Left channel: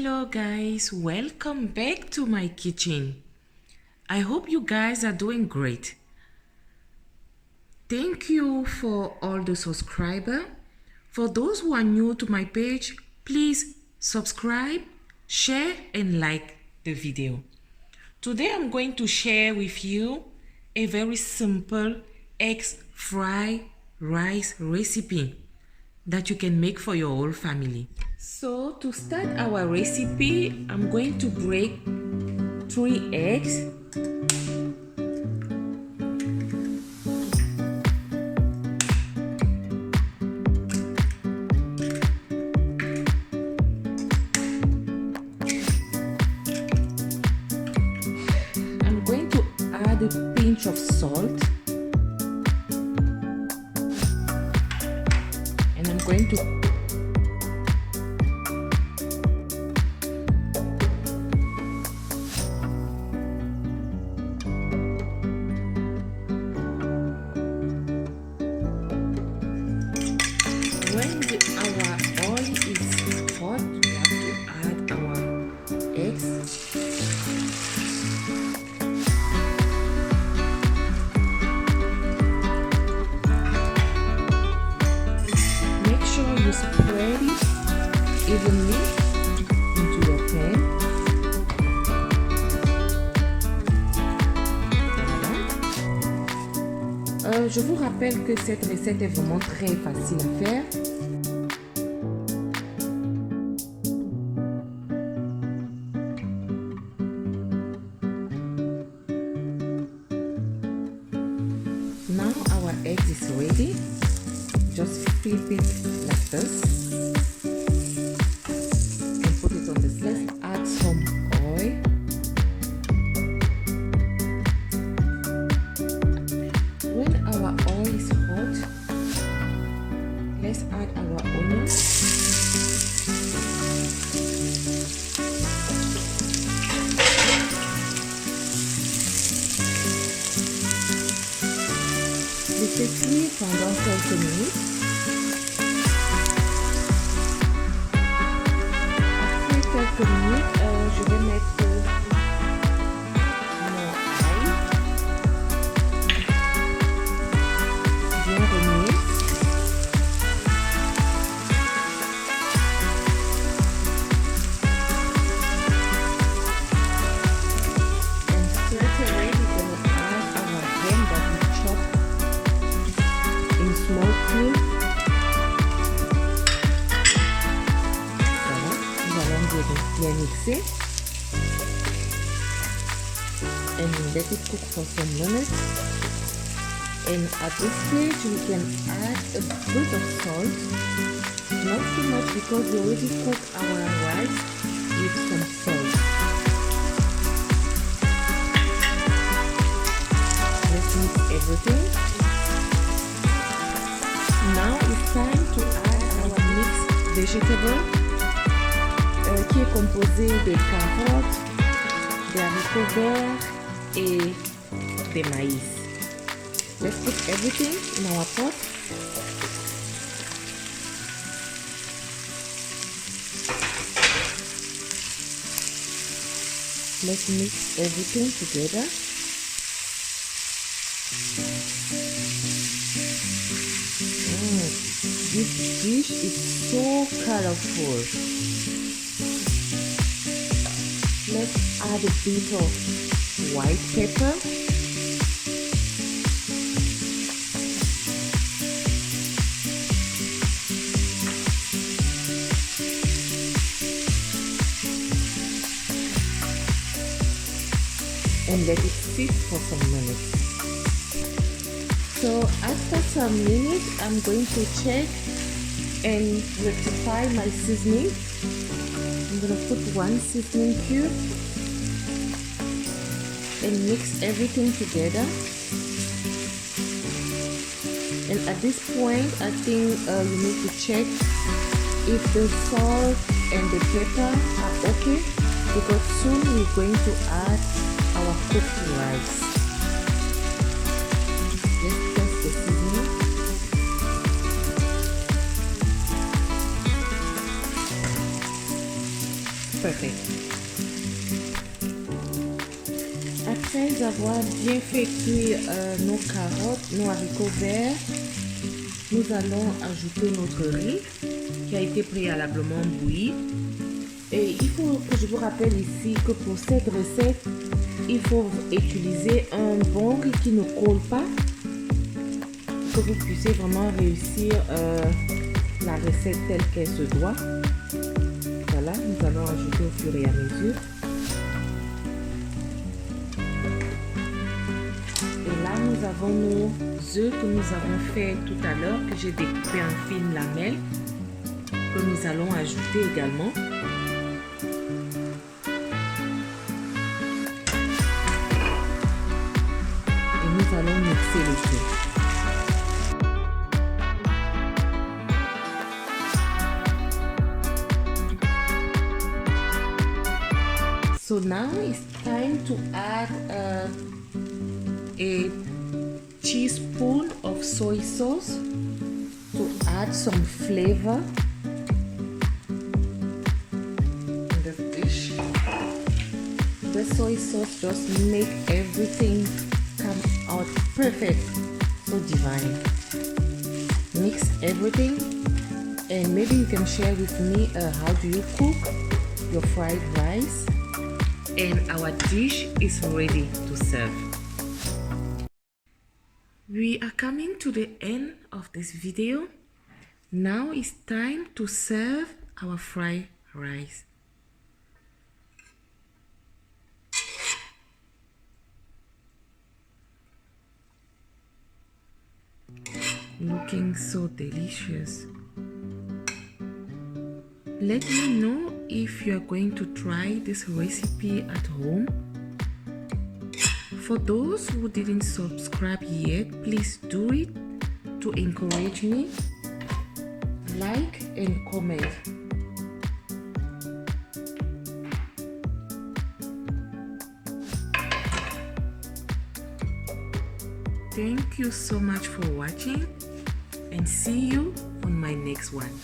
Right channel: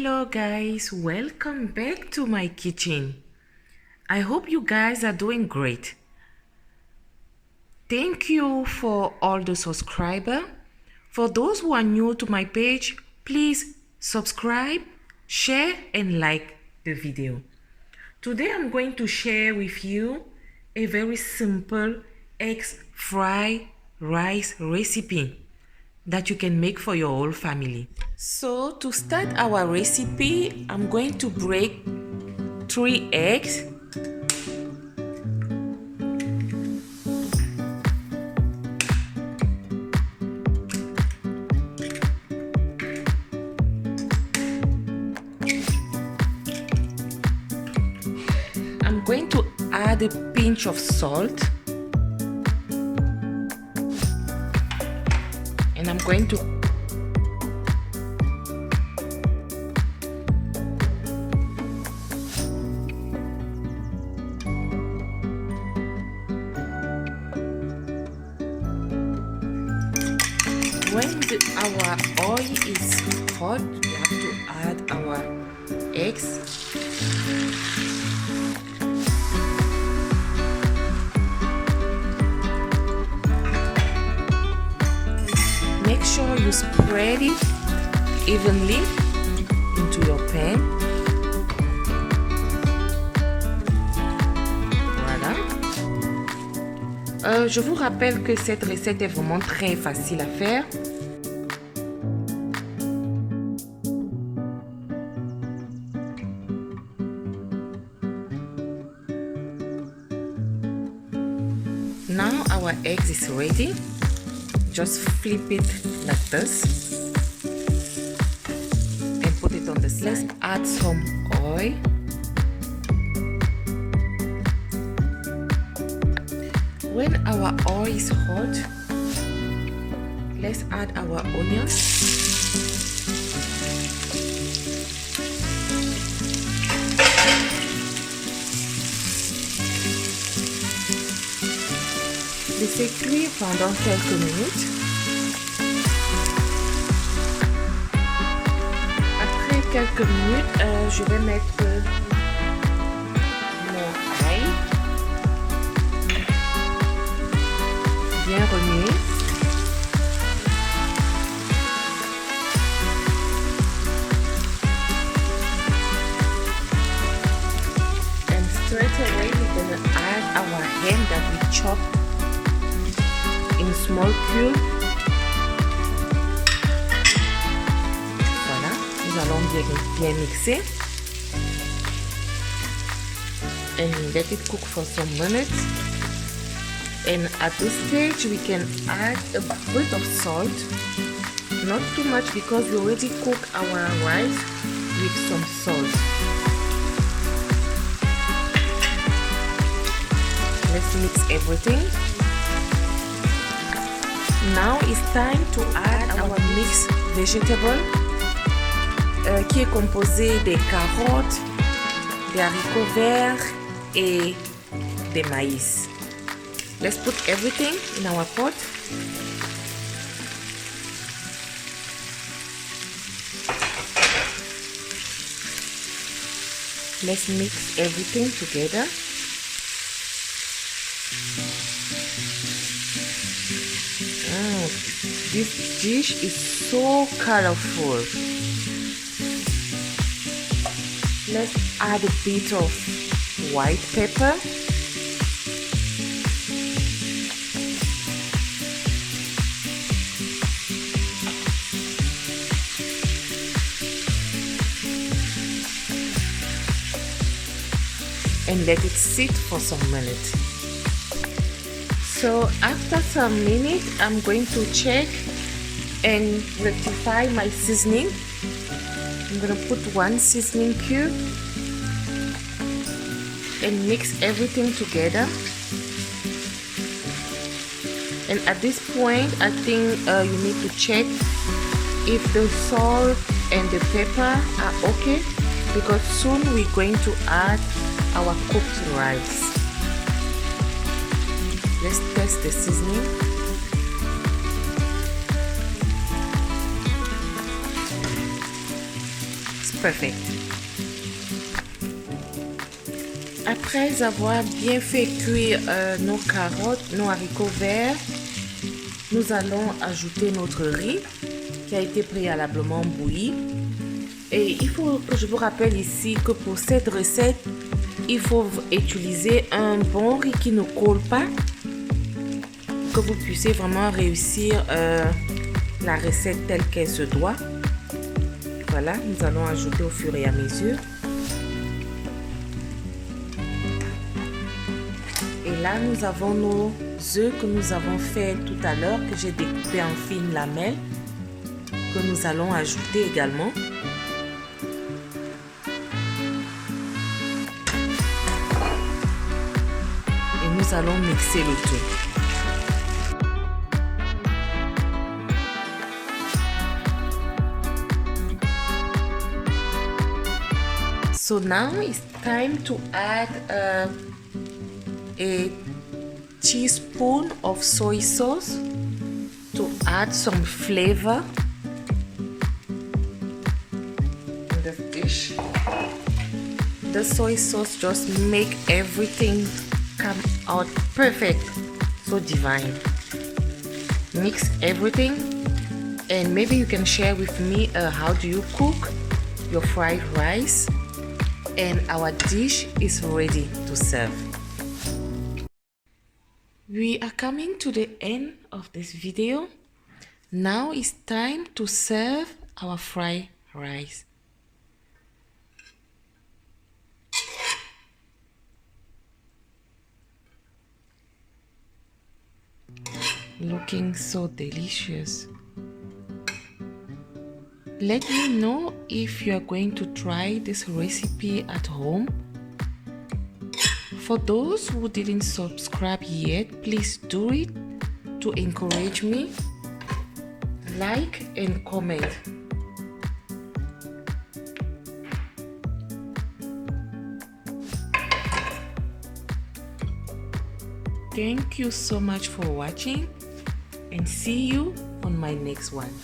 Hello guys, welcome back to my kitchen. I hope you guys are doing great. Thank you for all the subscribers. For those who are new to my page, please subscribe, share and like the video. Today I'm going to share with you a very simple eggs fried rice recipe that you can make for your whole family. So to start our recipe, I'm going to break 3 eggs. I'm going to add a pinch of salt. And I'm going to our oil is hot, we have to add our eggs. Make sure you spread it evenly into your pan. Voilà. Je vous rappelle que cette recette est vraiment très facile à faire. Now our eggs is ready. Just flip it like this and put it on the let's add some oil. When our oil is hot, let's add our onions. Laissez cuire pendant quelques minutes. Après quelques minutes, je vais mettre mon ail. Bien remuer. And straight away we're going to add our ham that we chopped in small cubes. Voilà, nous allons bien mixer and let it cook for some minutes. And at this stage we can add a bit of salt, not too much because we already cooked our rice with some salt. Let's mix everything. Now it's time to add our mixed vegetable qui est composé des carottes, des haricots verts et des maïs. Let's put everything in our pot. Let's mix everything together. This dish is so colorful. Let's add a bit of white pepper. And let it sit for some minutes. So after some minutes, I'm going to check and rectify my seasoning. I'm going to put 1 seasoning cube and mix everything together. And at this point, I think you need to check if the salt and the pepper are okay, because soon we're going to add our cooked rice. Let's test the seasoning. It's perfect. Après avoir bien fait cuire nos carottes, nos haricots verts, nous allons ajouter notre riz qui a été préalablement bouilli. Et il faut que je vous rappelle ici que pour cette recette, il faut utiliser un bon riz qui ne colle pas, que vous puissiez vraiment réussir la recette telle qu'elle se doit. Voilà, nous allons ajouter au fur et à mesure. Et là, nous avons nos œufs que nous avons fait tout à l'heure, que j'ai découpé en fines lamelles, que nous allons ajouter également. Et nous allons mixer le tout. So now it's time to add a teaspoon of soy sauce to add some flavor in the dish. The soy sauce just make everything come out perfect, so divine. Mix everything, and maybe you can share with me how do you cook your fried rice. And our dish is ready to serve. We are coming to the end of this video. Now it's time to serve our fried rice. Looking so delicious. Let me know if you are going to try this recipe at home. For those who didn't subscribe yet, please do it to encourage me. Like and comment. Thank you so much for watching, and see you on my next one.